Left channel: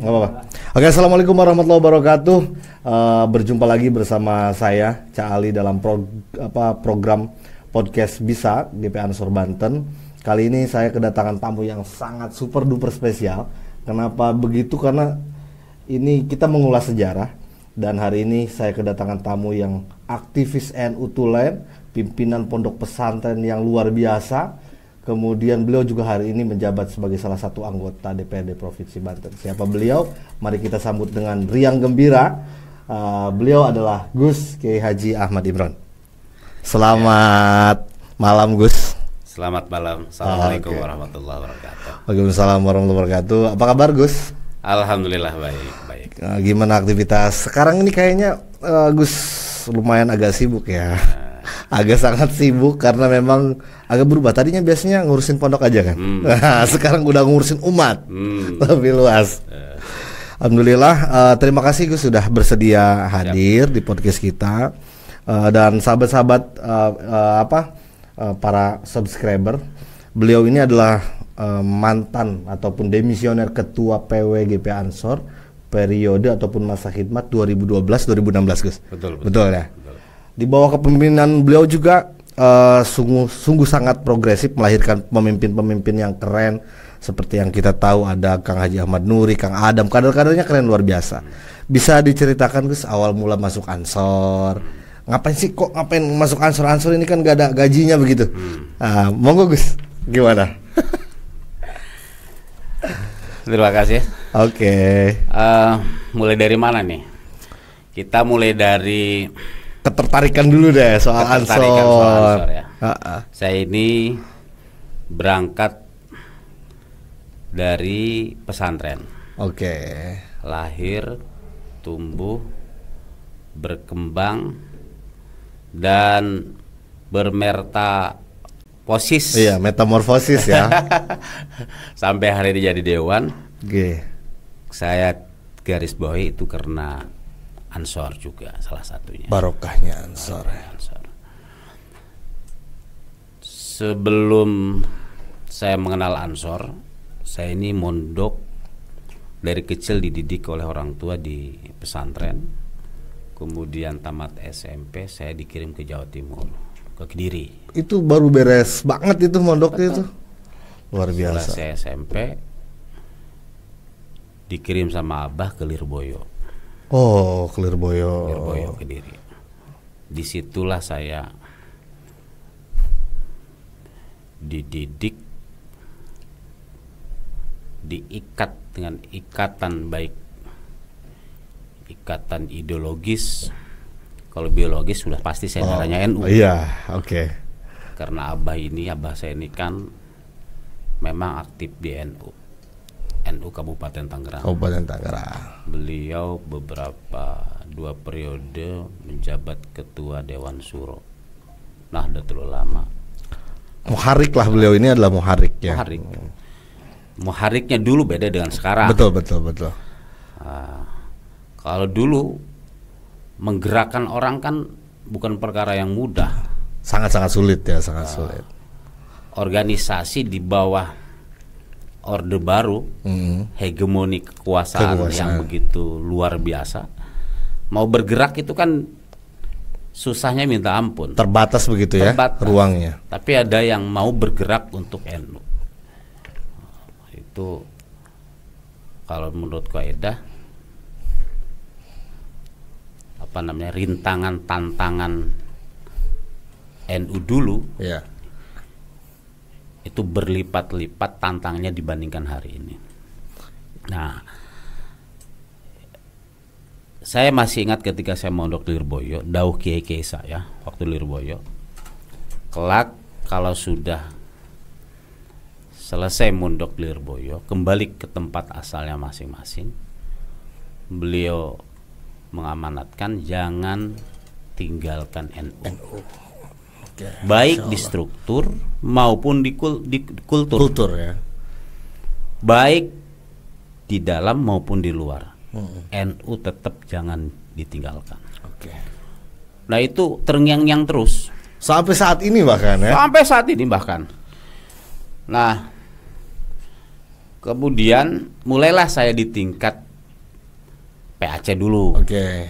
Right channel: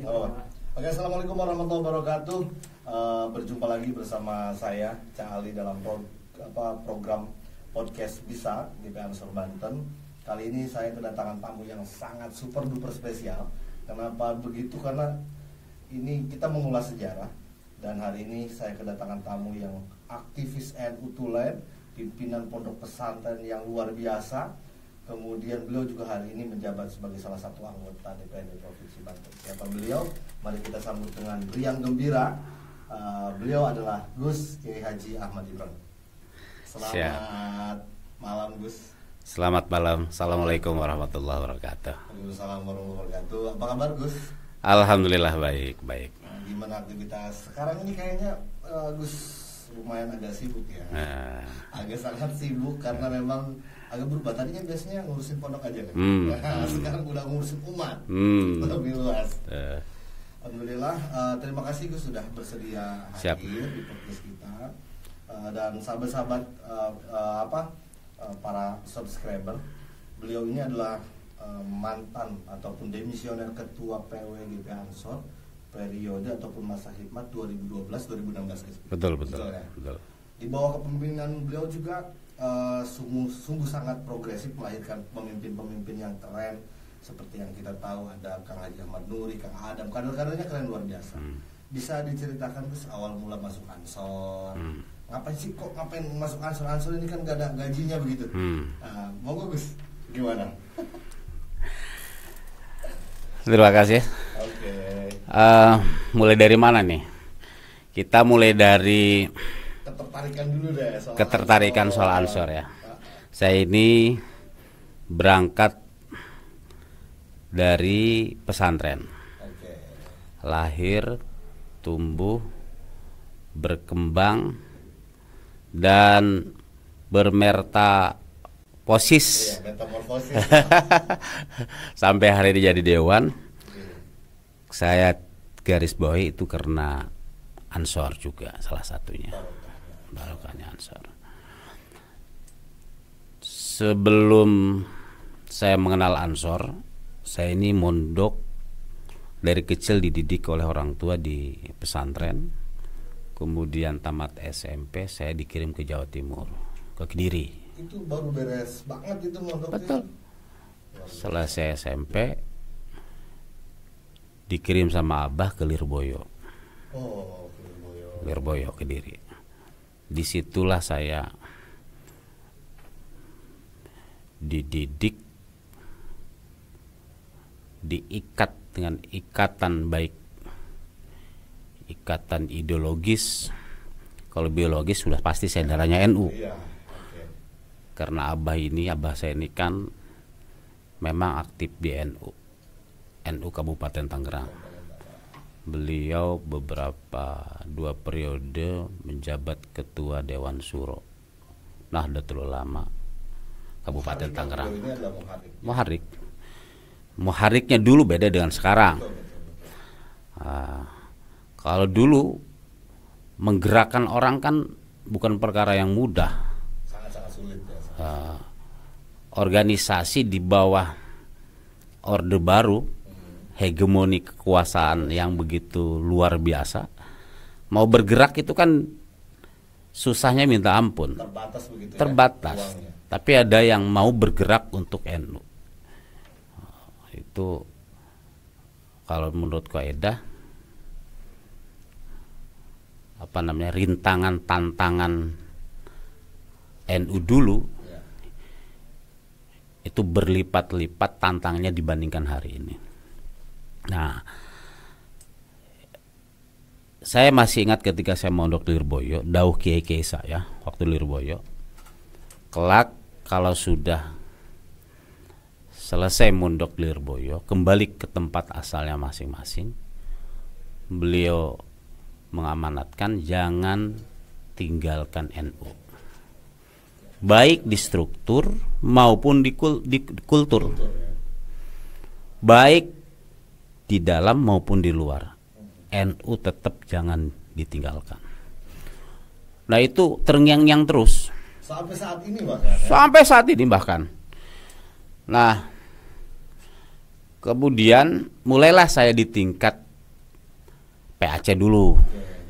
Nggak apa-apa. Oke, assalamualaikum warahmatullahi wabarakatuh. Berjumpa lagi bersama saya Cak Ali dalam program podcast Bisa GP Ansor Banten. Kali ini saya kedatangan tamu yang sangat super duper spesial. Kenapa begitu? Karena ini kita mengulas sejarah. Dan hari ini saya kedatangan tamu yang aktivis NU Tulen, pimpinan pondok pesantren yang luar biasa. Kemudian beliau juga hari ini menjabat sebagai salah satu anggota DPRD Provinsi Banten. Siapa beliau? Mari kita sambut dengan riang gembira. Beliau adalah Gus Kiai Haji Ahmad Imron. Selamat malam, Gus. Selamat malam. Assalamualaikum warahmatullahi wabarakatuh. Waalaikumsalam warahmatullahi wabarakatuh. Apa kabar, Gus? Alhamdulillah baik. Gimana aktivitas? Sekarang ini kayaknya Gus lumayan agak sibuk ya. Agak sangat sibuk karena memang agak berubah. Tadinya biasanya ngurusin pondok aja kan. Nah, sekarang udah ngurusin umat. Lebih luas. Alhamdulillah. Terima kasih Gus sudah bersedia hadir di podcast kita. Dan sahabat-sahabat para subscriber, beliau ini adalah mantan ataupun demisioner ketua PW GP Ansor periode ataupun masa khidmat 2012-2016 Gus. Betul ya. Betul. Di bawah kepemimpinan beliau juga sungguh sangat progresif, melahirkan pemimpin-pemimpin yang keren seperti yang kita tahu ada Kang Haji Ahmad Nuri, Kang Adam, kader-kadernya keren luar biasa. Bisa diceritakan Gus awal mula masuk Ansor? Ngapain masuk Ansor? Ansor ini kan gak ada gajinya begitu. Monggo Gus, gimana? Terima kasih. Oke. Mulai dari mana nih? Kita mulai dari ketertarikan dulu deh soal Ansor ya. Saya ini berangkat dari pesantren. Oke. Lahir, tumbuh, berkembang dan bermetamorfosis. Iya, metamorfosis ya. Sampai hari ini jadi dewan. Oke. Saya garis bawahi itu karena Ansor juga salah satunya. Barokahnya Ansor. Sebelum saya mengenal Ansor, saya ini mondok dari kecil dididik oleh orang tua di pesantren. Kemudian tamat SMP saya dikirim ke Jawa Timur, ke Kediri. Itu baru beres banget itu mondoknya itu. Luar biasa. Setelah saya SMP dikirim sama abah ke Lirboyo. Oh, Lirboyo Kediri. Disitulah saya dididik, diikat dengan ikatan baik, ikatan ideologis. Kalau biologis sudah pasti saya darahnya NU. Iya, oke. Karena abah saya ini kan memang aktif di NU Kabupaten Tangerang. Beliau dua periode menjabat ketua Dewan Suro Nahdlatul Ulama. Muharik lah beliau ini adalah muharik ya. Muhariknya dulu beda dengan sekarang. Betul. Kalau dulu menggerakkan orang kan bukan perkara yang mudah. Sangat sulit ya, sulit. Organisasi di bawah Orde Baru, hegemoni kekuasaan yang begitu luar biasa, mau bergerak itu kan susahnya minta ampun. Terbatas begitu ya ruangnya. Tapi ada yang mau bergerak untuk NU. Itu kalau menurut kaidah rintangan tantangan NU dulu. Ya. Itu berlipat-lipat tantangannya dibandingkan hari ini. Nah, saya masih ingat ketika saya mondok di Lirboyo, dauh kiai-kiai saya waktu Lirboyo. Kelak kalau sudah selesai mondok di Lirboyo, kembali ke tempat asalnya masing-masing, beliau mengamanatkan jangan tinggalkan NU. Baik di struktur maupun di kultur ya. Baik di dalam maupun di luar. NU tetap jangan ditinggalkan. Nah itu terngiang-ngiang terus sampai saat ini bahkan ya. Nah kemudian mulailah saya di tingkat PAC dulu. Oke.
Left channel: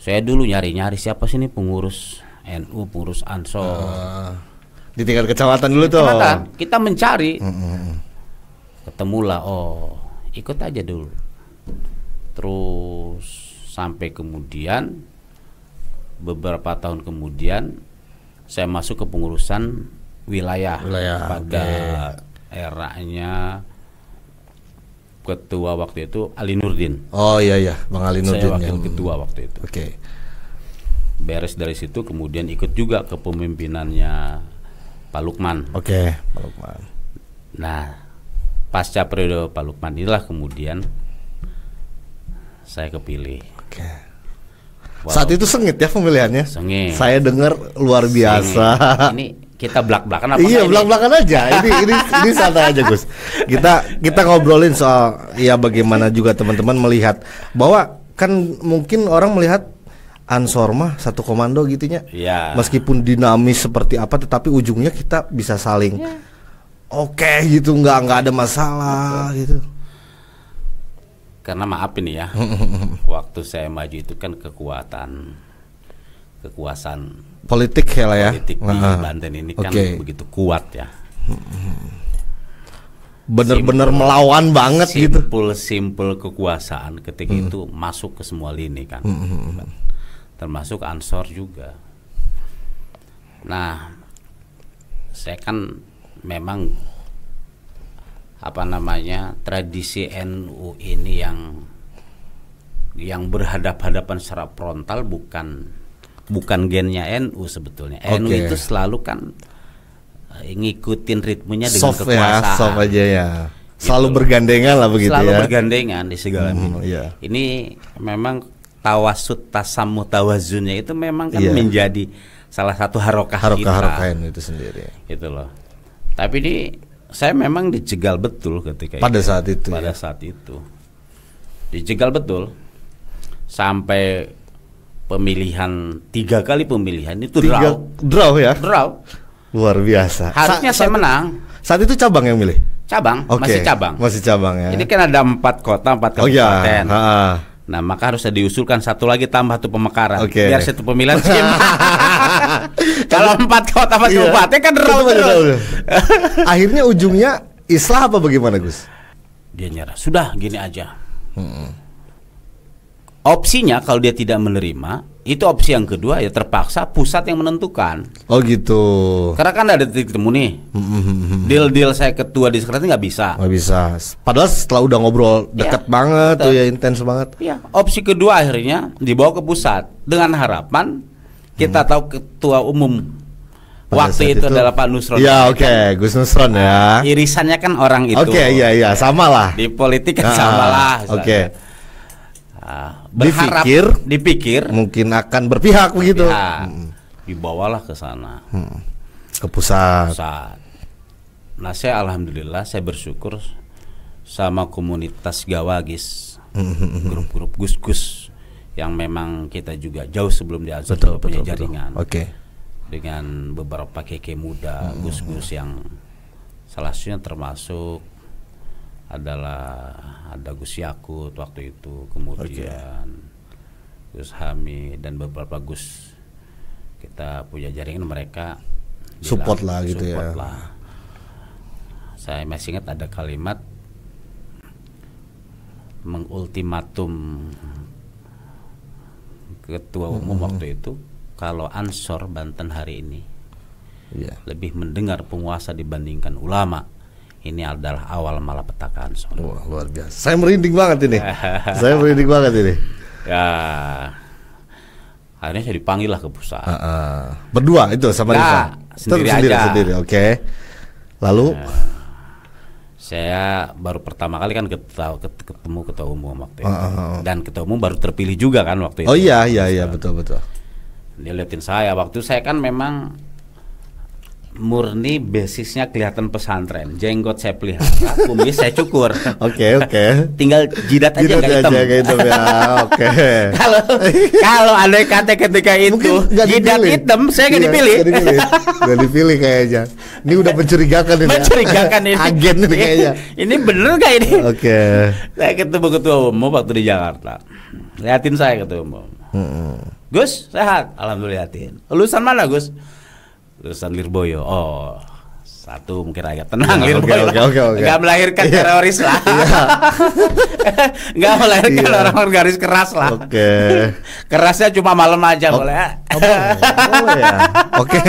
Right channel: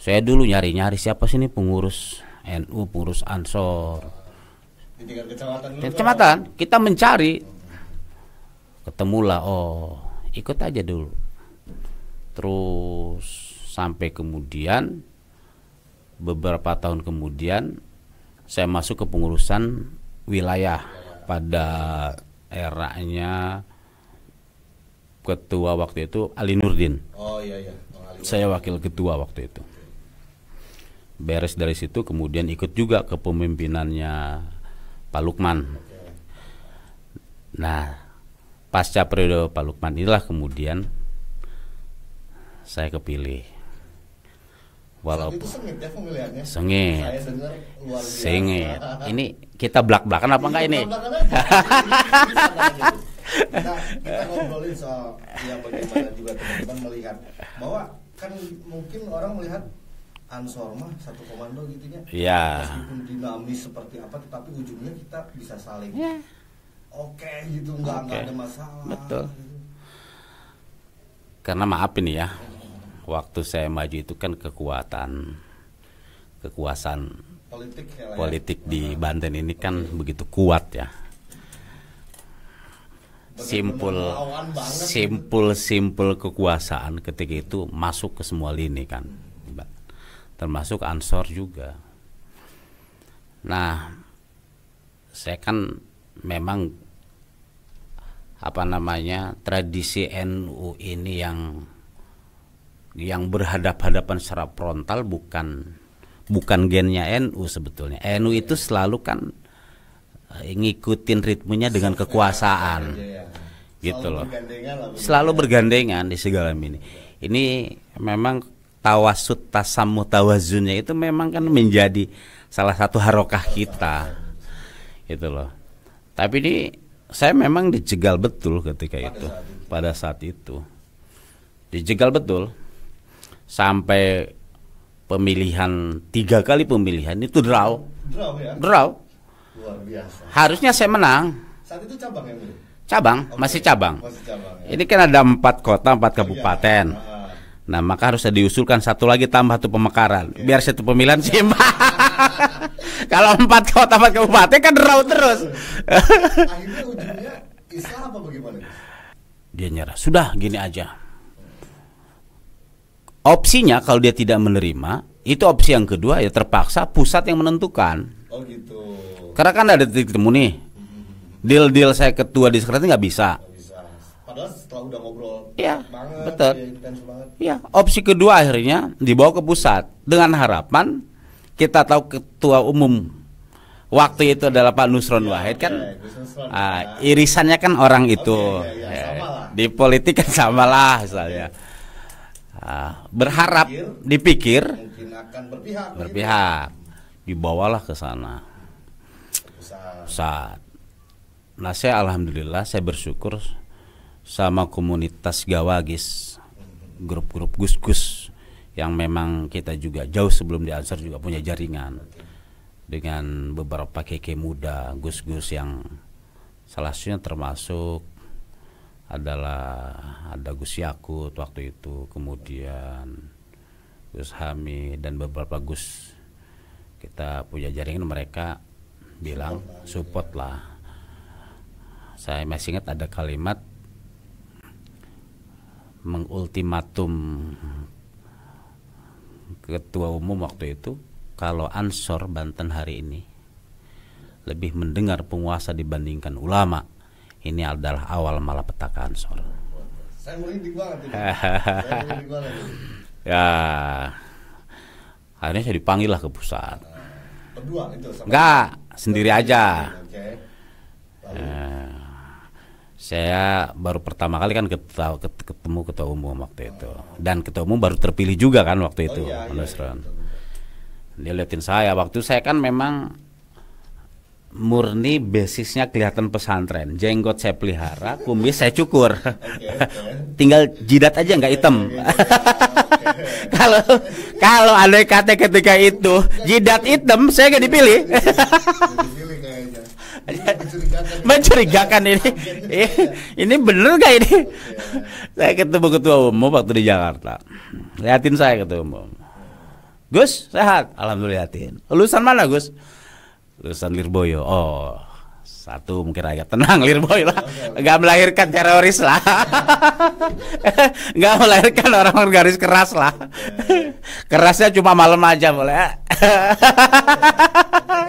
Saya dulu nyari-nyari siapa sih nih pengurus NU, pengurus Ansor. Di tingkat kecamatan dulu tuh. Kecamatan, kita mencari. Ketemulah, oh ikut aja dulu. Terus sampai kemudian beberapa tahun kemudian saya masuk ke pengurusan wilayah. Pada eranya ketua waktu itu Ali Nurdin. Oh iya, Bang Ali Nurdin. Saya wakil ketua waktu itu. Oke. Beres dari situ kemudian ikut juga ke pemimpinannya Pak Lukman. Oke, Pak Lukman. Nah, pasca periode Pak Lukman inilah kemudian saya kepilih. Oke. Saat itu sengit ya pemilihannya? Sengit. Saya dengar luar biasa. Ini kita belak-belakan apa iya, ini? belak-belakan aja. ini santai aja, Gus. Kita ngobrolin soal ya bagaimana juga teman-teman melihat bahwa kan mungkin orang melihat Ansor mah satu komando gitunya. Ya. Meskipun dinamis seperti apa tetapi ujungnya kita bisa saling oke gitu, nggak ada masalah. Betul. Gitu. Karena maaf ini ya. Waktu saya maju itu kan kekuasaan politik ya lah ya. Politik di Banten ini kan begitu kuat ya. Bener-bener melawan banget gitu. Simpel kekuasaan ketika itu masuk ke semua lini kan. Termasuk Ansor juga. Nah, saya kan memang tradisi NU ini yang berhadap-hadapan secara frontal bukan gennya NU sebetulnya. NU itu selalu kan ngikutin ritmenya dengan soft kekuasaan. Ya, soft aja ya. Selalu gitu bergandengan lah begitu. Selalu ya. bergandengan di segala Ini memang tawasud tasamuh tawazunnya itu memang kan menjadi salah satu harokah kita. Itu sendiri. Gitu loh. Tapi ini saya memang dijegal betul ketika pada saat itu. Pada saat itu. Dijegal betul. Sampai pemilihan 3 kali pemilihan itu draw ya. Draw. Luar biasa. Harusnya saya menang. Saat itu cabang yang milih. Cabang, masih cabang. Masih cabang ya. Ini kan ada 4 kota, 4 kabupaten. Nah, maka harus diusulkan satu lagi tambah tuh pemekaran. Biar satu pemilihan seimbang. Kalau 4 kota 4 kabupaten kan draw terus. Akhirnya ujungnya islah apa bagaimana, Gus? Dia nyerah. Sudah gini aja. Opsinya kalau dia tidak menerima, itu opsi yang kedua ya terpaksa pusat yang menentukan. Oh gitu. Karena kan ada titik temu nih. Deal saya ketua di sekretaris nggak bisa. Nggak bisa. Padahal setelah udah ngobrol dekat banget, tuh ya intens banget. Iya. Opsi kedua akhirnya dibawa ke pusat dengan harapan kita tahu ketua umum waktu itu adalah Pak Nusron. Ya Gus Nusron ya. Irisannya kan orang itu. Iya, sama lah. Di politik kan sama lah. Berharap dipikir mungkin akan berpihak begitu. Dibawalah ke sana. Ke pusat. Nah, saya alhamdulillah saya bersyukur sama komunitas Gawagis, grup-grup Gus-Gus yang memang kita juga jauh sebelum di Ansor juga punya jaringan. Dengan beberapa keke muda, Gus-Gus yang salah satunya termasuk adalah ada Gus Yakut waktu itu, kemudian Gus Hamid dan beberapa Gus, kita punya jaringan, mereka support lah gitu support ya. lah. Saya masih ingat ada kalimat mengultimatum ketua umum waktu itu, kalau Ansor Banten hari ini lebih mendengar penguasa dibandingkan ulama, ini adalah awal malapetaka Ansor. Wah, luar biasa. Saya merinding banget ini. Ya, akhirnya saya dipanggil lah ke pusat. Berdua itu sama sendiri aja. Oke. Lalu saya baru pertama kali kan ketemu ketua umum waktu itu. Dan ketua umum baru terpilih juga kan waktu itu. Oh iya betul. Dia liatin saya waktu saya kan memang murni basisnya kelihatan pesantren. Jenggot saya pelihara, kumis saya cukur. Oke. Tinggal jidat aja nggak hitam. Ya, oke. Kalau andai kata ketika itu jidat hitam, saya nggak dipilih. Nggak dipilih kayaknya. Ini udah mencurigakan ini. Mencurigakan ini. Agen ini kayaknya. Ini bener nggak ini? Oke. Saya ketemu ketua umum waktu di Jakarta. Liatin saya ketua umum. Gus, sehat? Alhamdulillah. Liatin. Lulusan mana, Gus? Lulusan Lirboyo. Oh, satu mungkin agak tenang. Lirboyo lah. Nggak melahirkan teroris lah. Nggak melahirkan orang-orang garis keras lah. Kerasnya cuma malam aja boleh. Oke,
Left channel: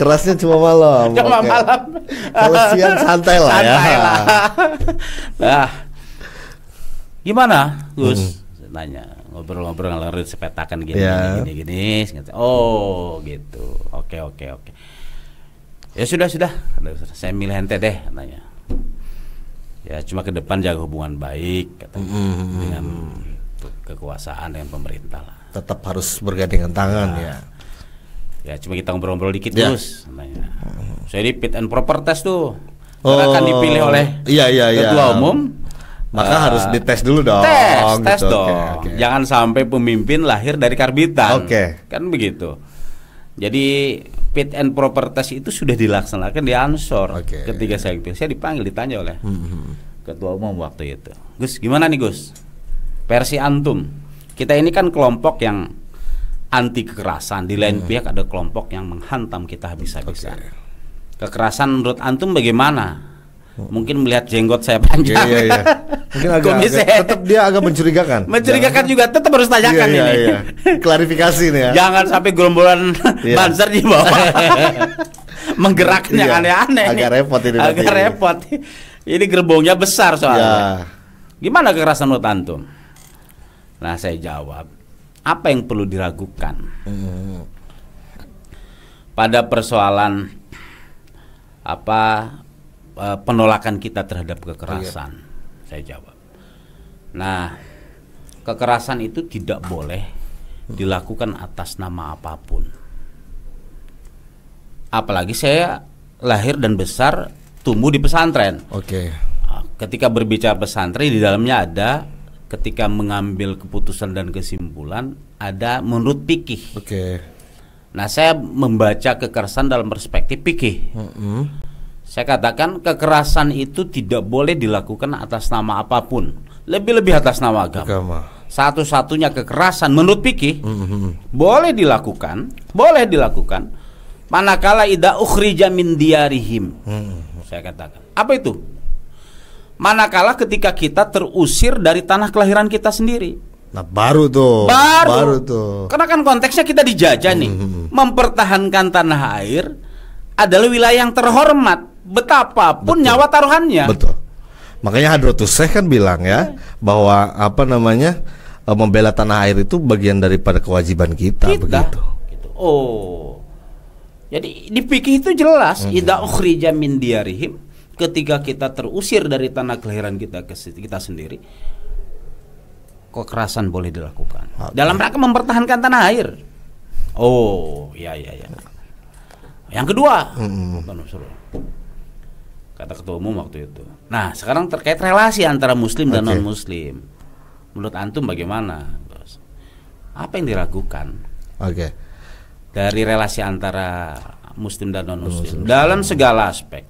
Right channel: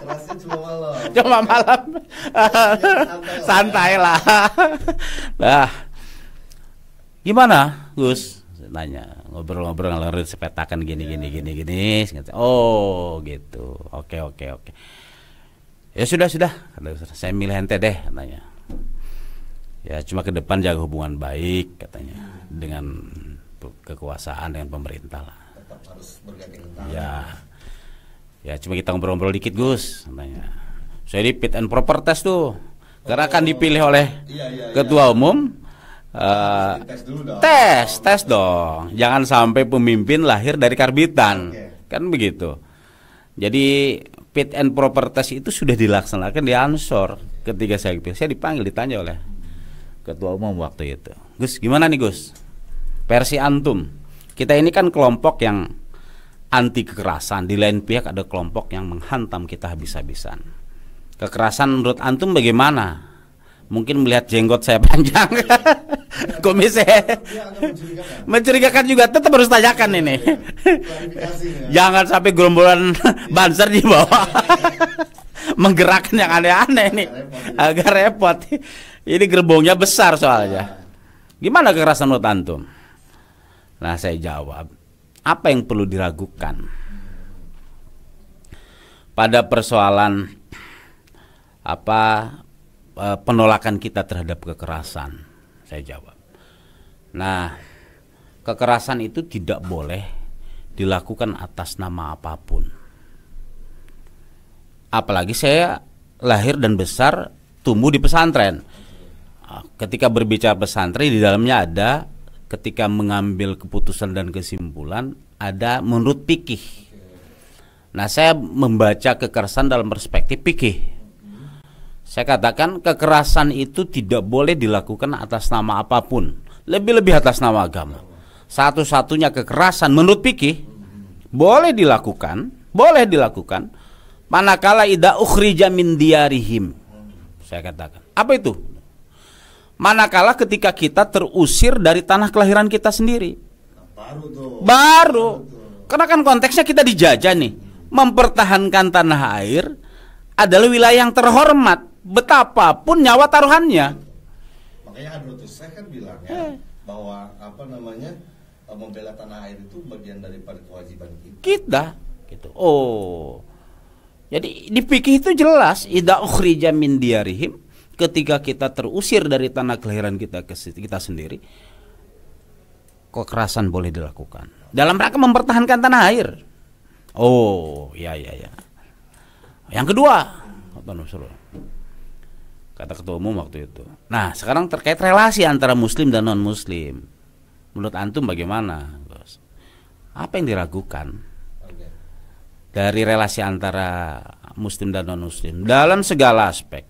kerasnya cuma malam. Malam. Kalau siang santai lah. Santai lah. Nah, gimana, Gus? Nanya, ngobrol-ngobrol ngalor sepetakan gini. Oh, gitu. Oke. Ya sudah. Saya milih ente deh, katanya. Ya cuma ke depan jaga hubungan baik, katanya, dengan kekuasaan dengan pemerintah lah. Tetap harus bergandengan tangan ya. Ya cuma kita ngobrol-ngobrol dikit, Gus, katanya. Saya di fit and proper test tuh. Karena akan dipilih oleh ketua umum. Maka harus dites dulu dong. Tes dong. Okay. Jangan sampai pemimpin lahir dari karbitan. Kan begitu. Jadi fit and proper test itu sudah dilaksanakan di Ansor. Ketika saya dipanggil, ditanya oleh ketua umum waktu itu. Gus, gimana nih Gus? Versi antum. Kita ini kan kelompok yang anti kekerasan. Di lain pihak ada kelompok yang menghantam kita habis-habisan. Kekerasan menurut antum bagaimana? Mungkin melihat jenggot saya panjang, kumis saya, tetap dia agak mencurigakan. Mencurigakan juga, tetap harus tanyakan ini. Klarifikasi nih ya. Jangan sampai gerombolan banser di bawah menggerakkan yang aneh-aneh nih. Agak repot. Ini gerbongnya besar soalnya. Gimana kekerasan menurut antum? Nah saya jawab, apa yang perlu diragukan pada persoalan penolakan kita terhadap kekerasan? Saya jawab, nah kekerasan itu tidak boleh dilakukan atas nama apapun. Apalagi saya lahir dan besar tumbuh di pesantren. Ketika berbicara pesantren, di dalamnya ada ketika mengambil keputusan dan kesimpulan ada menurut fikih. Nah saya membaca kekerasan dalam perspektif fikih. Saya katakan kekerasan itu tidak boleh dilakukan atas nama apapun, lebih-lebih atas nama agama. Satu-satunya kekerasan menurut fikih boleh dilakukan manakala idza ukhrija min diyarihim. Saya katakan, apa itu? Manakala ketika kita terusir dari tanah kelahiran kita sendiri. Nah baru tuh. Karena kan konteksnya kita dijajah nih. Mempertahankan tanah air adalah wilayah yang terhormat, betapapun nyawa taruhannya. Betul. Makanya Hadratus Syekh kan bilang ya bahwa membela tanah air itu bagian daripada kewajiban kita. Gitu. Oh, jadi di fikih itu jelas idza ukhrija min diyarihim, ketika kita terusir dari tanah kelahiran kita sendiri, kekerasan boleh dilakukan dalam rangka mempertahankan tanah air. Oh, ya. Yang kedua, kata ketua umum waktu itu. Nah, sekarang terkait relasi antara muslim dan non-muslim. Menurut antum bagaimana, Bos? Apa yang diragukan? Dari relasi antara muslim dan non-muslim dalam segala aspek.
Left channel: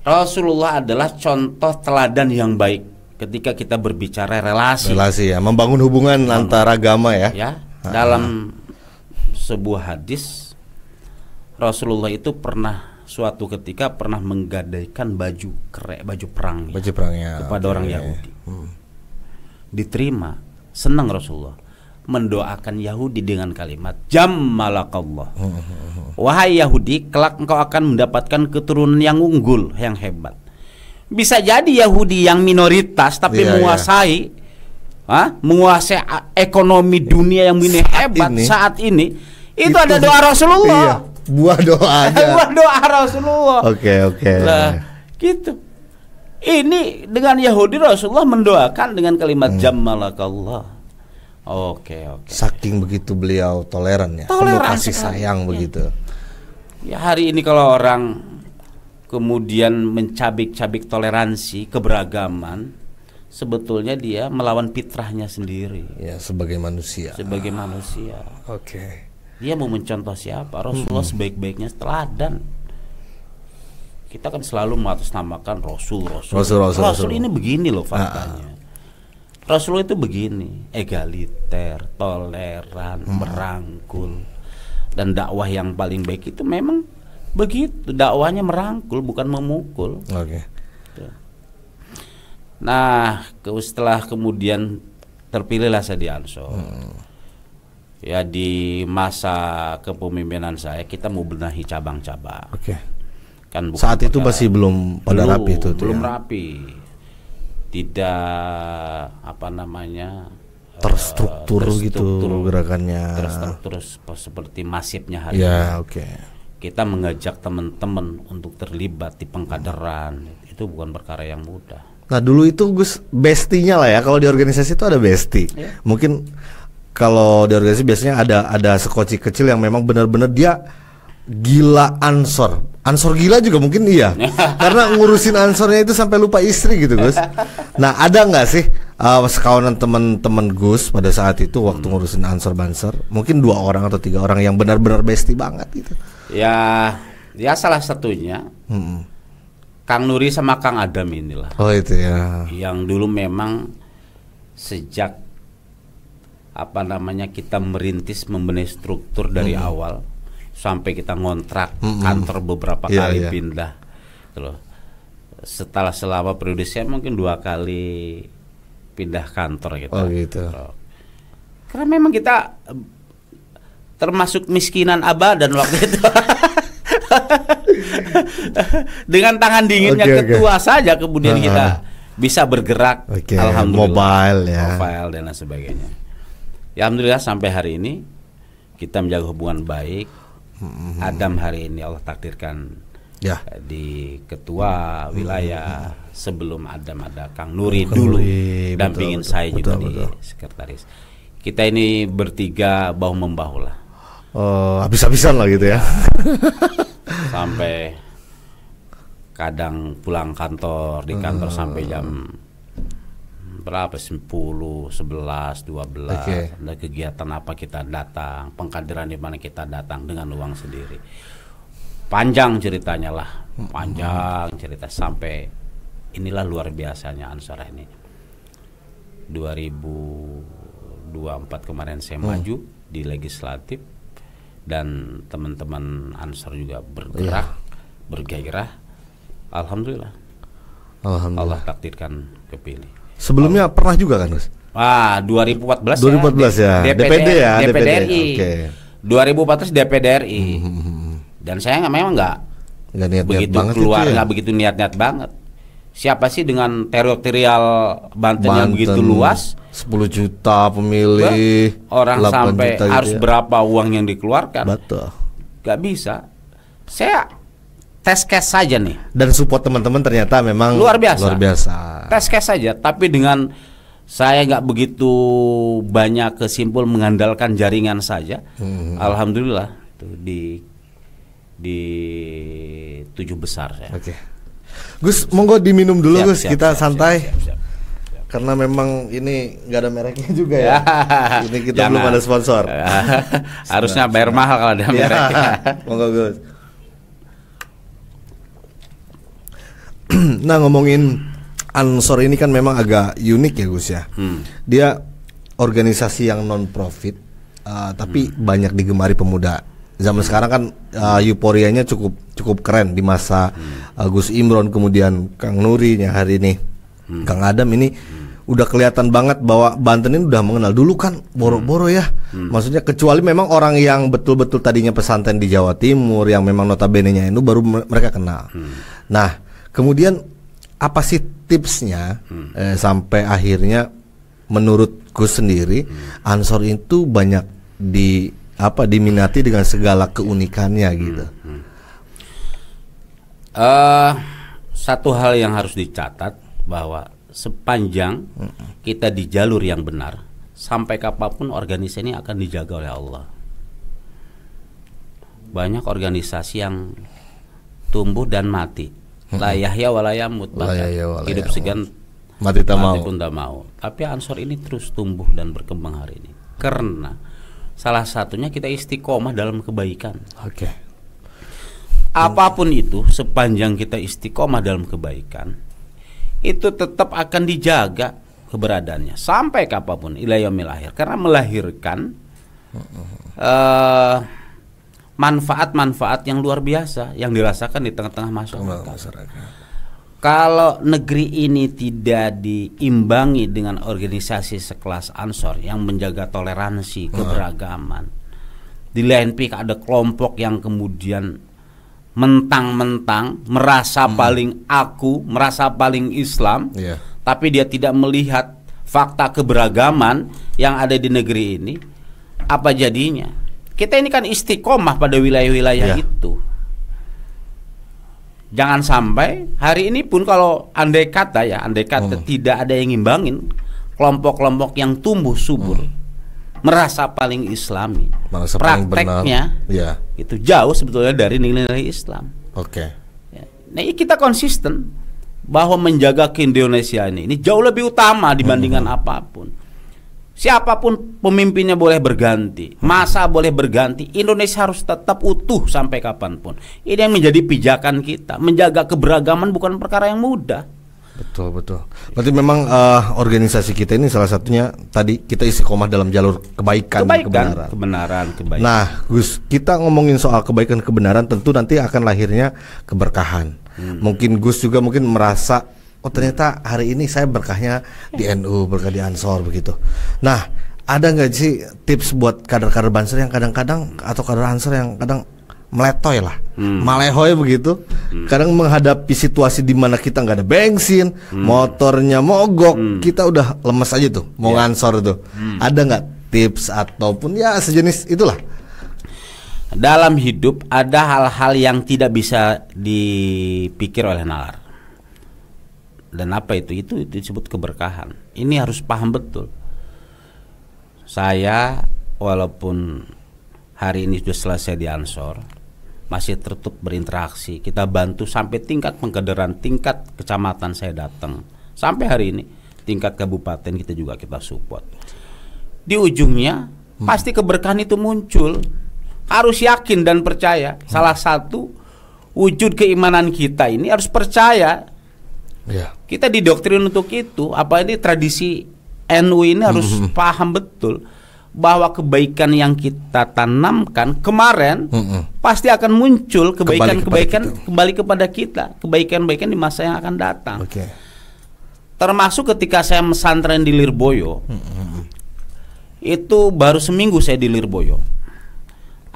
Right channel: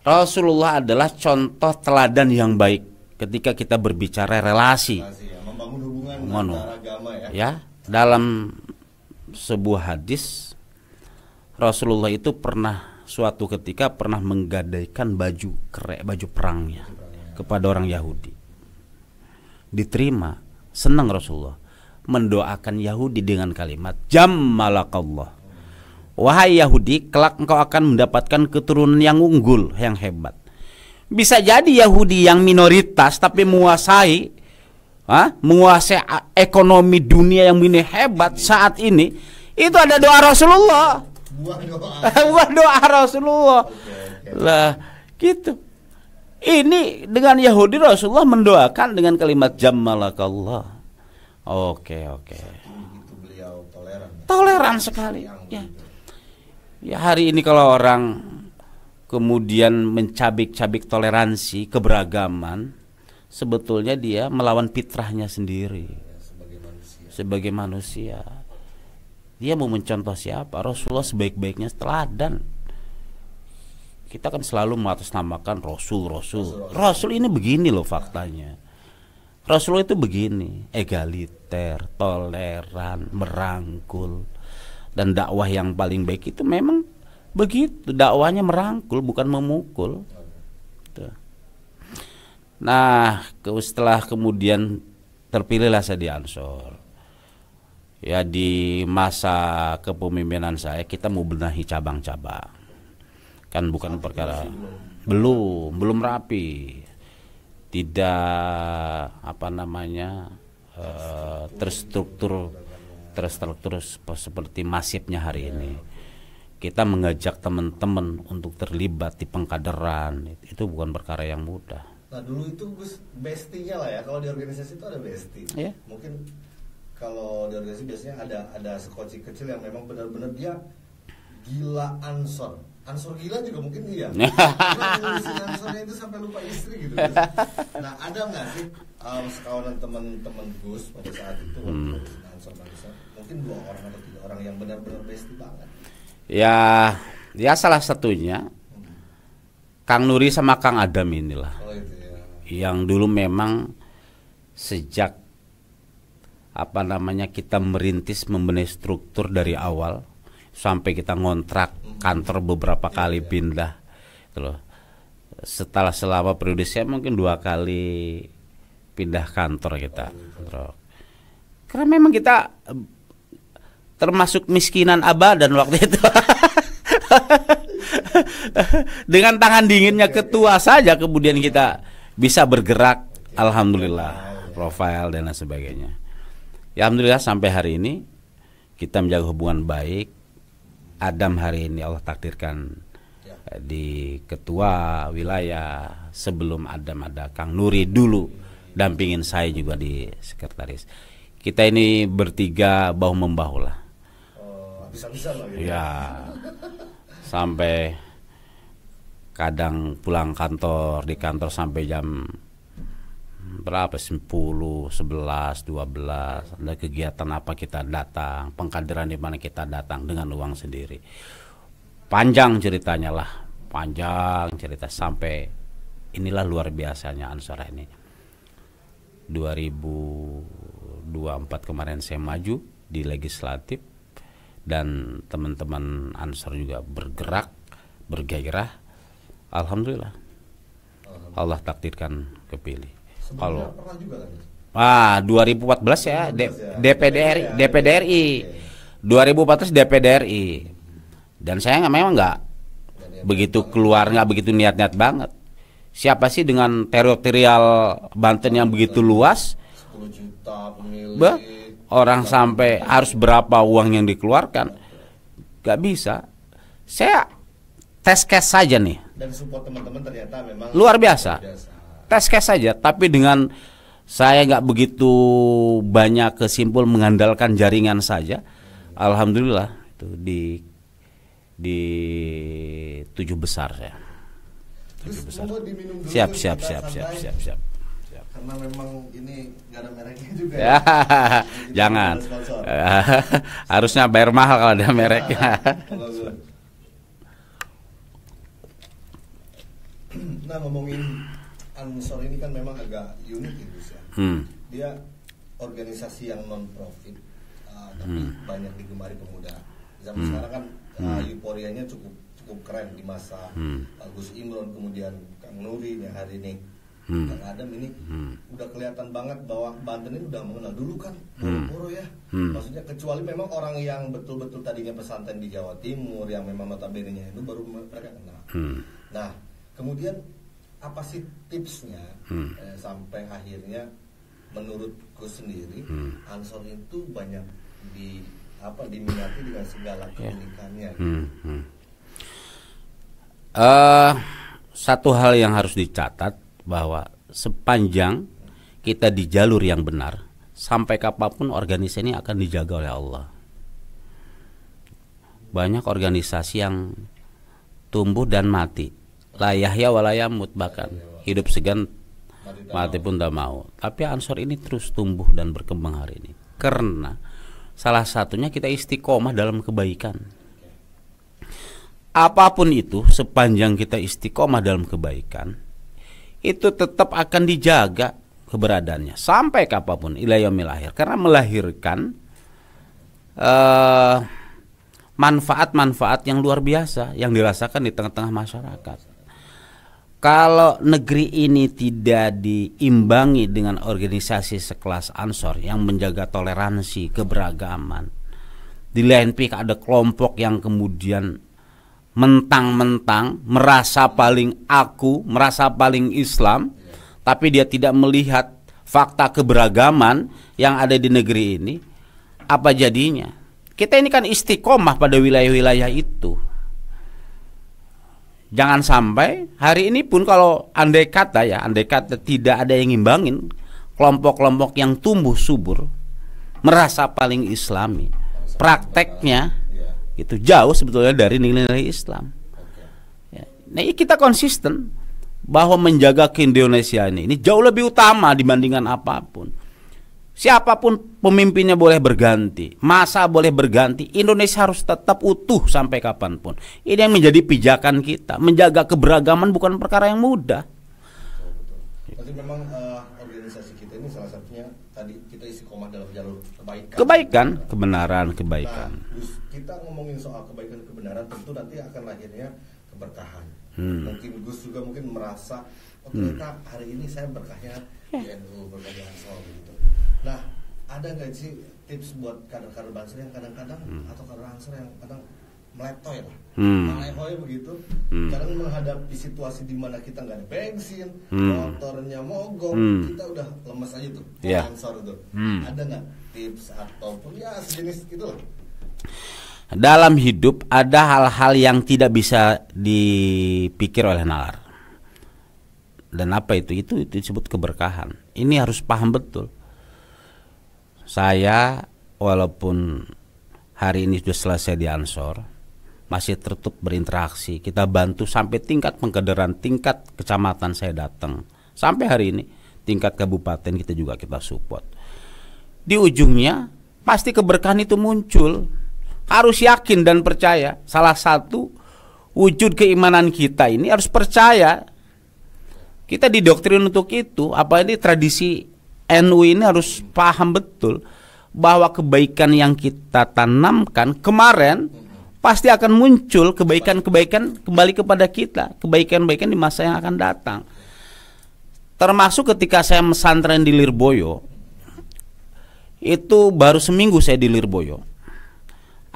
Rasulullah adalah contoh teladan yang baik ketika kita berbicara relasi ya, membangun hubungan antara agama ya. Dalam sebuah hadis Rasulullah itu suatu ketika pernah menggadaikan baju perangnya kepada orang Yahudi. Diterima, senang Rasulullah, mendoakan Yahudi dengan kalimat jammalakallah. Wahai Yahudi, kelak engkau akan mendapatkan keturunan yang unggul, yang hebat. Bisa jadi Yahudi yang minoritas tapi menguasai ekonomi dunia yang ini hebat saat ini. Itu ada doa Rasulullah. Buah doa. Buah doa Rasulullah. Oke. Lah, gitu. Ini dengan Yahudi Rasulullah mendoakan dengan kalimat jammalakallah. Oke. Saking begitu beliau toleran ya. Toleran kasih sekali. sayang begitu. Ya hari ini kalau orang kemudian mencabik-cabik toleransi, keberagaman, sebetulnya dia melawan fitrahnya sendiri. Ya, sebagai manusia. Sebagai manusia. Oke. Dia mau mencontoh siapa? Rasulullah sebaik-baiknya teladan. Kita kan selalu mengatasnamakan Rasul. Rasul ini begini loh faktanya. Rasulullah itu begini, egaliter, toleran, merangkul. Dan dakwah yang paling baik itu memang begitu, dakwahnya merangkul bukan memukul. Oke. Nah, setelah kemudian terpilihlah saya di Ansor. Ya di masa kepemimpinan saya kita mau benahi cabang-cabang. Oke. Kan bukan saat itu masih belum rapi itu. Belum rapi. Tidak terstruktur gitu gerakannya. Terstruktur seperti masifnya hari ini. Oke. Kita mengajak teman-teman untuk terlibat di pengkaderan itu bukan perkara yang mudah. Nah dulu itu Gus bestinya lah ya, kalau di organisasi itu ada besti. Mungkin kalau di organisasi biasanya ada sekoci kecil yang memang benar-benar dia gila Ansor gila juga mungkin iya. Karena ngurusin Ansornya itu sampai lupa istri gitu Gus. Nah ada nggak sih sekawanan teman-teman Gus pada saat itu waktu ngurusin Ansor Banser, mungkin 2 orang atau 3 orang yang benar-benar besti banget gitu? Ya salah satunya Kang Nuri sama Kang Adam inilah. Oh itu ya. Yang dulu memang sejak kita merintis membenahi struktur dari awal sampai kita ngontrak kantor beberapa kali pindah gitu loh. Setelah selama periode saya mungkin 2 kali pindah kantor kita. Oh gitu. Karena memang kita termasuk miskinan abadan waktu itu. Dengan tangan dinginnya ketua saja kemudian kita bisa bergerak. Alhamdulillah. Mobile dan lain sebagainya. Ya alhamdulillah sampai hari ini kita menjaga hubungan baik. Adam hari ini Allah takdirkan di ketua wilayah. Sebelum Adam ada Kang Nuri dulu dampingin saya juga di sekretaris. Kita ini bertiga bahu membahu lah. Habis-habisan lah gitu ya. Sampai kadang pulang kantor di kantor sampai jam berapa 10, 11, 12 ada kegiatan apa kita datang, pengkaderan di mana kita datang dengan uang sendiri. Panjang ceritanya lah, panjang cerita sampai inilah luar biasanya Ansor ini. 2024 kemarin saya maju di legislatif dan teman-teman Ansor juga bergerak, bergairah. Alhamdulillah. Allah takdirkan kepilih. Sebelumnya pernah juga kan Gus? 2014 ya. DPD RI. 2014 DPD RI. Dan saya memang nggak begitu keluar, nggak begitu niat-niat banget. Siapa sih dengan teritorial Banten yang begitu luas, 10 juta pemilih, orang sampai harus berapa uang yang dikeluarkan? Betul. Gak bisa. Saya tes case saja nih. Dan support teman-teman ternyata memang luar biasa. Tes case saja, tapi dengan saya nggak begitu banyak kesimpul mengandalkan jaringan saja. Alhamdulillah itu di 7 besar saya. Gus, monggo diminum dulu Gus, kita santai. Siap. Karena memang ini nggak ada mereknya juga ya. Ini kita belum ada sponsor. Harusnya bayar mahal kalau ada mereknya. Monggo Gus. Nah ngomongin Ansor ini kan memang agak unik ya Gus ya. Dia organisasi yang non profit, tapi banyak digemari pemuda. Zaman sekarang kan euforianya cukup keren di masa Gus Imron, kemudian Kang Nuri yang hari ini Kang Adam ini udah kelihatan banget bahwa Banten ini udah mengenal. Dulu kan boro-boro ya, maksudnya kecuali memang orang yang betul-betul tadinya pesantren di Jawa Timur yang memang notabene-nya itu baru mereka kenal. Nah kemudian apa sih tipsnya sampai akhirnya menurut Gus sendiri Ansor itu banyak diminati dengan segala keunikannya gitu. Satu hal yang harus dicatat bahwa sepanjang kita di jalur yang benar, sampai kapanpun organisasi ini akan dijaga oleh Allah. Banyak organisasi yang tumbuh dan mati. La yahya wa la yamut, bahkan hidup segan mati pun tak mau. Tapi Ansor ini terus tumbuh dan berkembang hari ini karena salah satunya kita istiqomah dalam kebaikan. Oke. Apapun itu, sepanjang kita istiqomah dalam kebaikan, itu tetap akan dijaga keberadaannya sampai kapanpun ila yaumil akhir, karena melahirkan manfaat-manfaat yang luar biasa yang dirasakan di tengah-tengah masyarakat. Kalau negeri ini tidak diimbangi dengan organisasi sekelas Ansor yang menjaga toleransi, keberagaman, di lain pihak ada kelompok yang kemudian mentang-mentang merasa paling merasa paling Islam, tapi dia tidak melihat fakta keberagaman yang ada di negeri ini, apa jadinya? Kita ini kan istiqomah pada wilayah-wilayah itu. Jangan sampai hari ini pun kalau andai kata tidak ada yang ngimbangin kelompok-kelompok yang tumbuh subur, merasa paling Islami, prakteknya itu jauh sebetulnya dari nilai-nilai Islam. Nah, kita konsisten bahwa menjaga keindonesiaan ini jauh lebih utama dibandingkan apapun. Siapapun pemimpinnya boleh berganti, masa boleh berganti, Indonesia harus tetap utuh sampai kapanpun. Ini yang menjadi pijakan kita. Menjaga keberagaman bukan perkara yang mudah. Betul. Berarti memang organisasi kita ini salah satunya tadi kita istiqomah dalam jalur kebenaran. Nah, Gus, kita ngomongin soal kebaikan kebenaran, tentu nanti akan lahirnya keberkahan. Mungkin Gus juga merasa, oh ternyata hari ini saya berkahnya di NU, berkah di Ansor begitu. Nah, ada nggak sih tips buat kader-kader Banser yang kadang-kadang atau kader Ansor yang kadang meletoy lah, malehoy begitu, kadang menghadapi situasi di mana kita nggak ada bensin, motornya mogok, kita udah lemes aja tuh, mau ngansor tuh. Ada nggak tips ataupun ya sejenis itulah? Dalam hidup ada hal-hal yang tidak bisa dipikir oleh nalar. Dan apa itu? Itu disebut keberkahan. Ini harus paham betul. Saya walaupun hari ini sudah selesai di Ansor, masih tetap berinteraksi. Kita bantu sampai tingkat pengkaderan, tingkat kecamatan saya datang. Sampai hari ini tingkat kabupaten kita support. Di ujungnya pasti keberkahan itu muncul. Harus yakin dan percaya. Salah satu wujud keimanan kita ini harus percaya. Kita didoktrin untuk itu. Apa ini tradisi NU ini harus paham betul bahwa kebaikan yang kita tanamkan kemarin pasti akan muncul kebaikan kembali kepada kita, kebaikan-kebaikan di masa yang akan datang. Termasuk ketika saya mesantren di Lirboyo, itu baru seminggu saya di Lirboyo,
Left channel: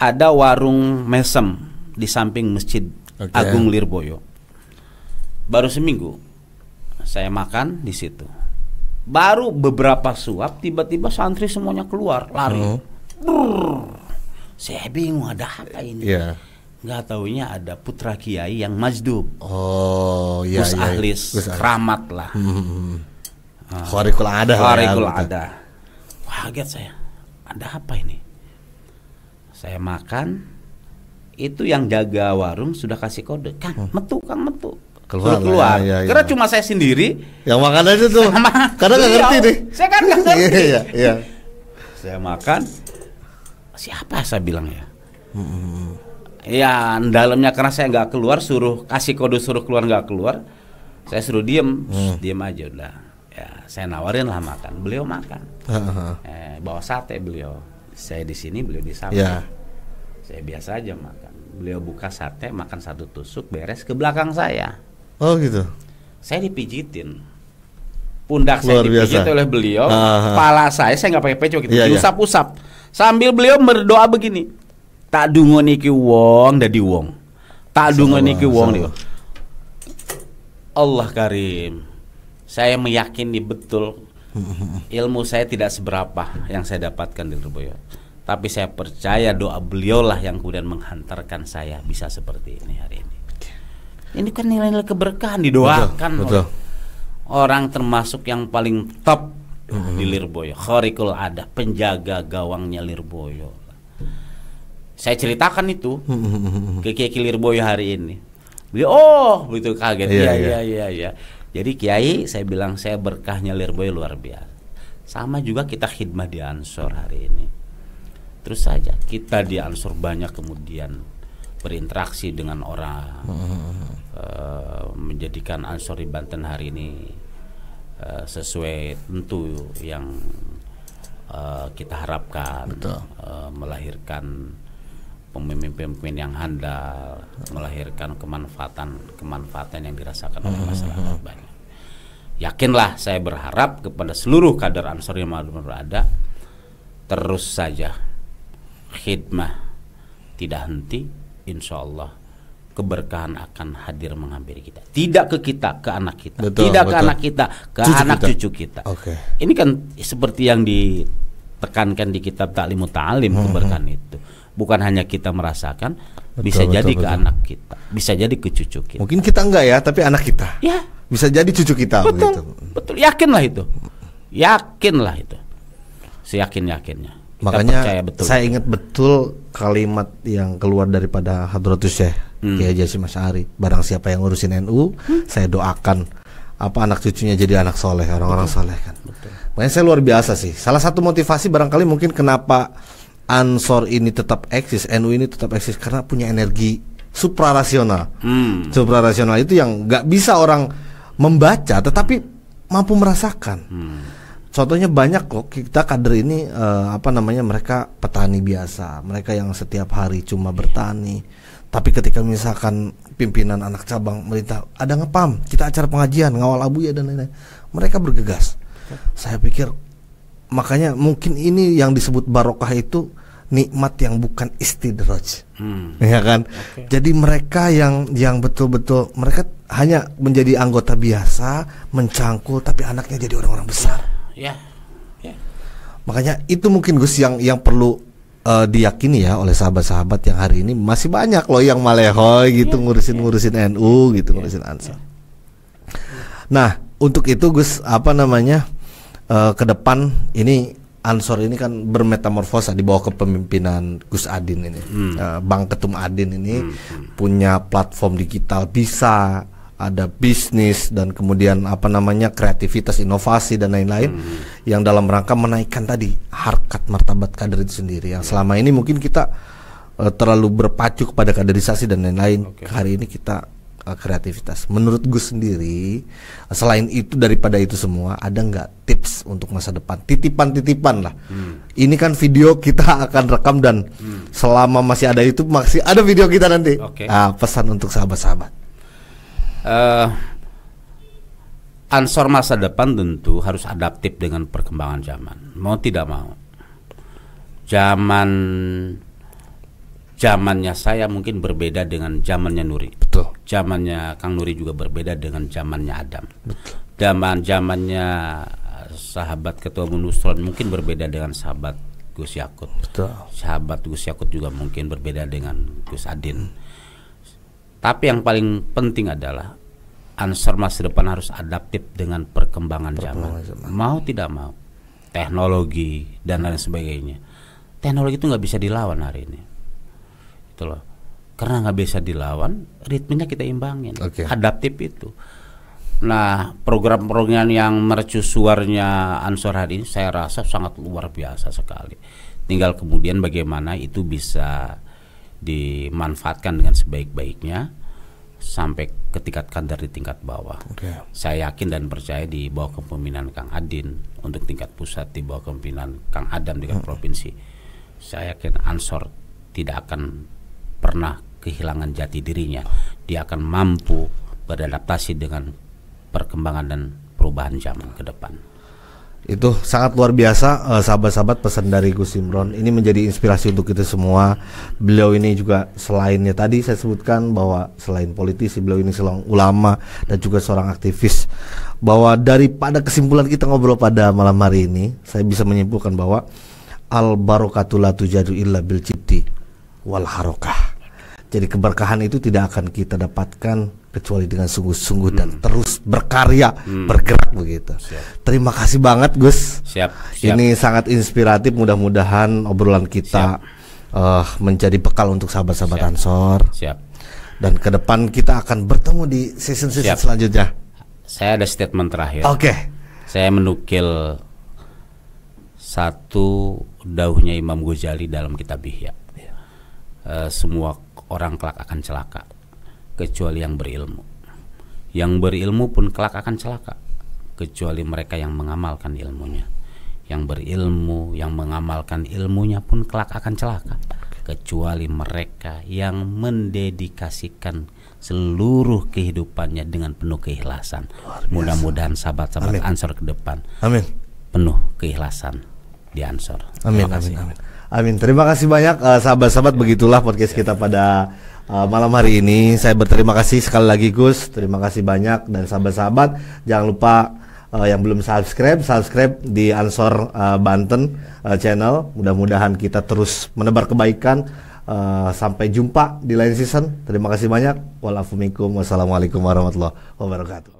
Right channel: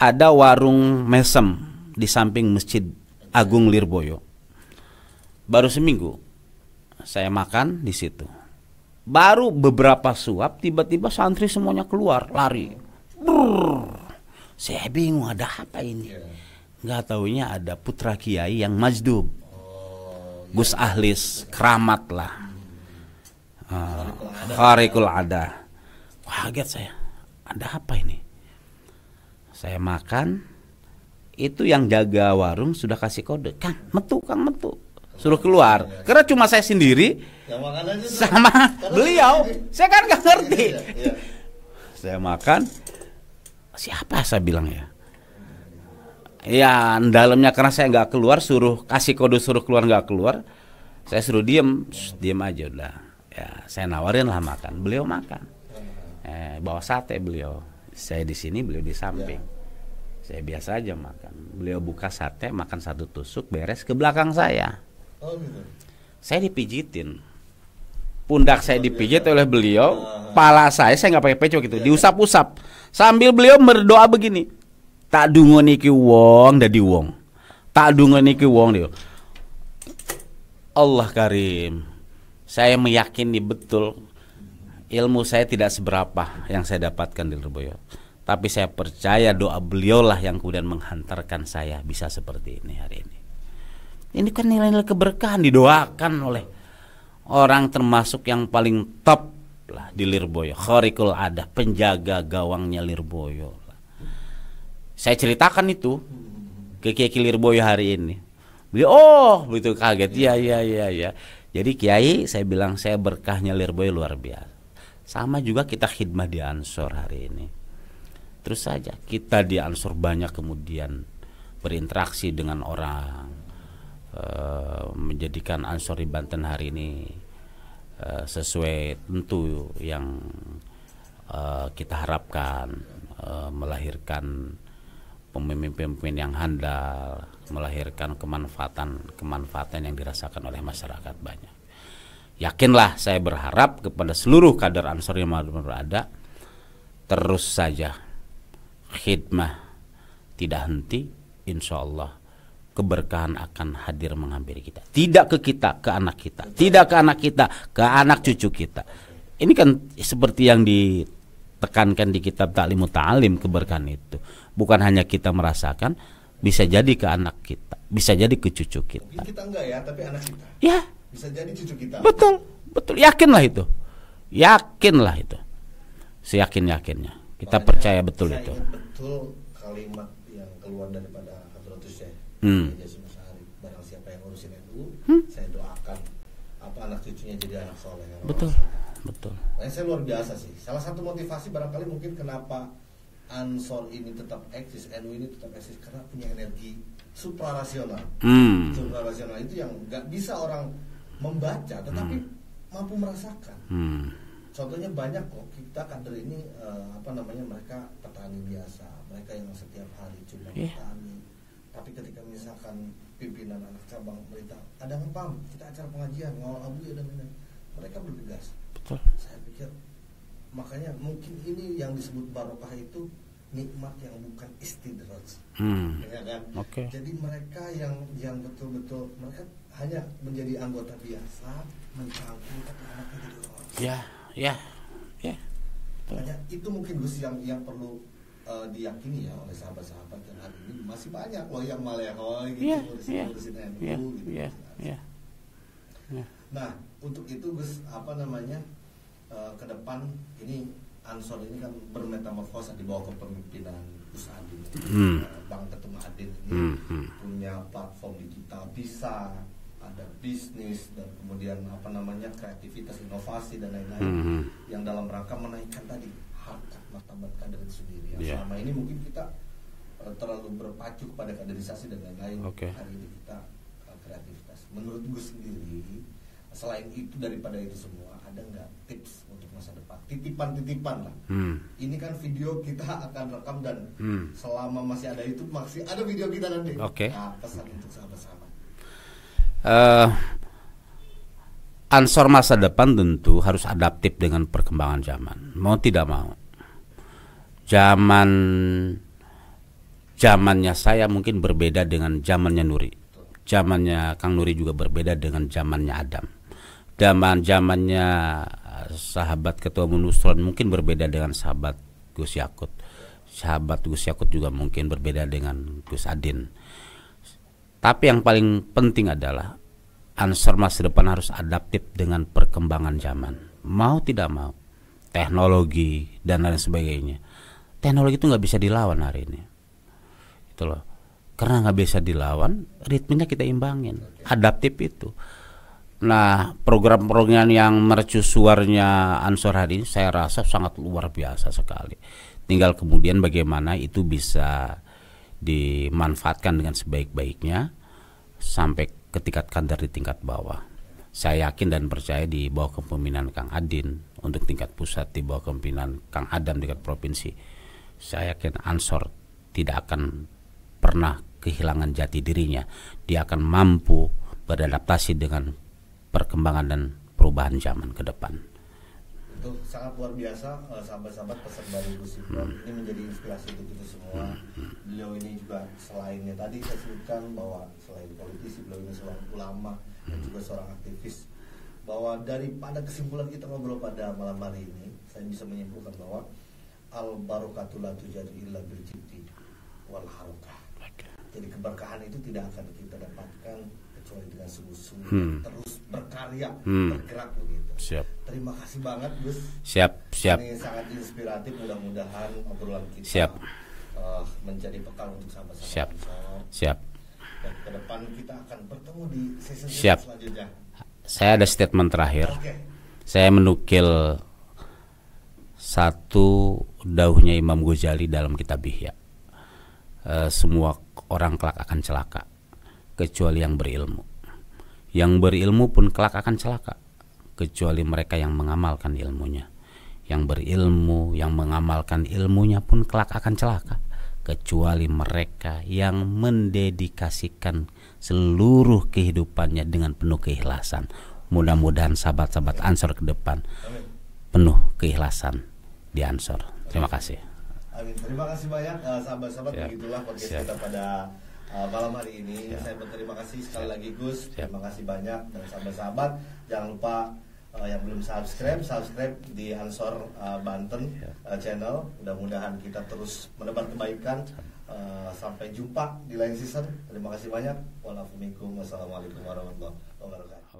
ada warung mesem di samping Masjid Agung Lirboyo. Baru seminggu saya makan di situ. Baru beberapa suap, tiba-tiba santri semuanya keluar, lari. Saya bingung ada apa ini. Nggak taunya ada putra kiai yang majdub. Gus Ahlis, keramat lah. Kharikul ada. Wah, kaget saya. Ada apa ini? Saya makan, itu yang jaga warung sudah kasih kode, Kang metu. Suruh keluar. Karena cuma saya sendiri yang makan aja tuh. Karena nggak ngerti nih. Saya kan nggak ngerti. Saya makan. Siapa saya bilang ya? Ya dalamnya karena saya nggak keluar, suruh kasih kode suruh keluar nggak keluar. Saya suruh diem aja udah. Ya saya nawarin lah makan. Beliau makan. Bawa sate beliau. Saya di sini, beliau di samping. Saya biasa aja makan. Beliau buka sate, makan satu tusuk, beres ke belakang saya. Oh gitu. Saya dipijitin, pundak saya dipijit oleh beliau, kepala saya nggak pakai pecok gitu, diusap-usap, sambil beliau berdoa begini, tak dungo niki wong dadi wong, tak dungo niki wong dia. Allah Karim, saya meyakini betul ilmu saya tidak seberapa yang saya dapatkan di Lirboyo, tapi saya percaya doa beliau lah yang kemudian menghantarkan saya bisa seperti ini hari ini. Ini kan nilai-nilai keberkahan didoakan oleh orang termasuk yang paling top di Lirboyo, Khariqul Adah, penjaga gawangnya Lirboyo. Saya ceritakan itu ke Kiai Lirboyo hari ini. Beliau begitu kaget. Iya. Jadi Kiai, saya bilang saya berkahnya Lirboyo luar biasa. Sama juga kita khidmah di Ansor hari ini. Terus saja kita di Ansor banyak kemudian berinteraksi dengan orang, menjadikan Ansor di Banten hari ini sesuai tentu yang kita harapkan, melahirkan pemimpin-pemimpin yang handal, melahirkan kemanfaatan yang dirasakan oleh masyarakat banyak. Yakinlah, saya berharap kepada seluruh kader Ansor yang ada, terus saja khidmah tidak henti, insya Allah keberkahan akan hadir menghampiri kita. Tidak ke kita, ke anak kita. Tidak ke anak kita, ke anak cucu kita. Ini kan seperti yang ditekankan di kitab Ta'limut Ta'alim, keberkahan itu. Bukan hanya kita merasakan, bisa jadi ke anak kita, bisa jadi ke cucu kita. Mungkin kita enggak ya, tapi anak kita. Ya, bisa jadi cucu kita. Betul. Yakinlah itu. Seyakin-yakinnya. Kita makanya percaya betul. Saya ingat betul kalimat yang keluar daripada Hadratus Syekh Kiai Haji Hasyim Asy'ari. Barang siapa yang ngurusin NU, saya doakan anak cucunya jadi anak soleh, orang-orang soleh kan. Betul. Makanya saya luar biasa sih. Salah satu motivasi barangkali mungkin kenapa Ansor ini tetap eksis, NU ini tetap eksis, karena punya energi suprarasional. Suprarasional itu yang nggak bisa orang membaca, tetapi mampu merasakan. Contohnya banyak kok kita kader ini mereka petani biasa, mereka yang setiap hari cuma bertani. Tapi ketika misalkan pimpinan anak cabang merintah ada ngepam, kita acara pengajian, ngawal abuya dan lain-lain, mereka bergegas. Saya pikir makanya mungkin ini yang disebut barokah itu nikmat yang bukan istidraj, ya kan? Jadi mereka yang betul-betul mereka hanya menjadi anggota biasa, mencangkul, tapi anaknya jadi orang-orang besar. Ya. Makanya itu mungkin Gus yang perlu diyakini ya oleh sahabat-sahabat yang hari ini masih banyak loh yang malehoy gitu, ngurusin NU gitu, ngurusin Ansor. Nah, untuk itu Gus ke depan ini Ansor ini kan bermetamorfosa di bawah kepemimpinan Gus Adin ini. Bang Ketum Adin ini punya platform digital, bisa ada bisnis dan kemudian kreativitas, inovasi dan lain-lain yang dalam rangka menaikkan tadi harkat martabat kader itu sendiri yang selama ini mungkin kita terlalu berpacu kepada kaderisasi dan lain-lain. Hari ini kita kreativitas. Menurut Gus sendiri, selain itu, daripada itu semua, ada nggak tips untuk masa depan? Titipan-titipan lah. Ini kan video kita akan rekam dan selama masih ada YouTube masih ada video kita nanti. Pesan untuk sahabat-sahabat. Ansor masa depan tentu harus adaptif dengan perkembangan zaman. Mau tidak mau. Zamannya saya mungkin berbeda dengan zamannya Nuri. Betul. Zamannya Kang Nuri juga berbeda dengan zamannya Adam. Zamannya sahabat Ketua Umum Nusron mungkin berbeda dengan sahabat Gus Yakut. Betul. Sahabat Gus Yakut juga mungkin berbeda dengan Gus Adin. Tapi yang paling penting adalah Ansor masa depan harus adaptif dengan perkembangan zaman. Mau tidak mau, teknologi dan lain sebagainya. Teknologi itu nggak bisa dilawan hari ini. Itu loh. Karena nggak bisa dilawan, ritmenya kita imbangin. Adaptif itu. Nah, program-program yang mercusuarnya Ansor hari ini saya rasa sangat luar biasa sekali. Tinggal kemudian bagaimana itu bisa dimanfaatkan dengan sebaik-baiknya sampai ke tingkat kader di tingkat bawah. Saya yakin dan percaya di bawah kepemimpinan Kang Adin untuk tingkat pusat, di bawah kepemimpinan Kang Adam di tingkat provinsi, saya yakin Ansor tidak akan pernah kehilangan jati dirinya. Dia akan mampu beradaptasi dengan perkembangan dan perubahan zaman ke depan. Itu sangat luar biasa, sahabat-sahabat, pesan dari Gus Imron ini menjadi inspirasi untuk kita semua. Beliau ini juga selainnya tadi saya sebutkan bahwa selain politisi, beliau ini seorang ulama dan juga seorang aktivis. Bahwa daripada kesimpulan kita ngobrol pada malam hari ini, saya bisa menyimpulkan bahwa al barokatu la tujadu illa bil jiddi wal harokah. Jadi keberkahan itu tidak akan kita dapatkan kecuali dengan sungguh-sungguh dan terus berkarya, bergerak begitu. Siap. Terima kasih banget Gus. Siap. Ini sangat inspiratif. Mudah-mudahan obrolan kita menjadi bekal untuk sahabat-sahabat Ansor. Siap. Dan ke depan kita akan bertemu di season-season selanjutnya. Saya ada statement terakhir. Oke. Saya menukil satu dauhnya Imam Ghazali dalam kitab Ihya. Semua orang kelak akan celaka kecuali yang berilmu. Yang berilmu pun kelak akan celaka kecuali mereka yang mengamalkan ilmunya. Yang berilmu, yang mengamalkan ilmunya pun kelak akan celaka kecuali mereka yang mendedikasikan seluruh kehidupannya dengan penuh keikhlasan. Mudah-mudahan sahabat-sahabat Ansor ke depan penuh keikhlasan di Ansor. Terima kasih. Amin. Terima kasih banyak sahabat-sahabat. Begitulah podcast kita pada malam hari ini. Saya berterima kasih sekali lagi Gus. Terima kasih banyak. Dan sahabat-sahabat jangan lupa yang belum subscribe di Ansor Banten channel. Mudah-mudahan kita terus menebar kebaikan. Sampai jumpa di lain season. Terima kasih banyak. Wassalamualaikum warahmatullahi wabarakatuh.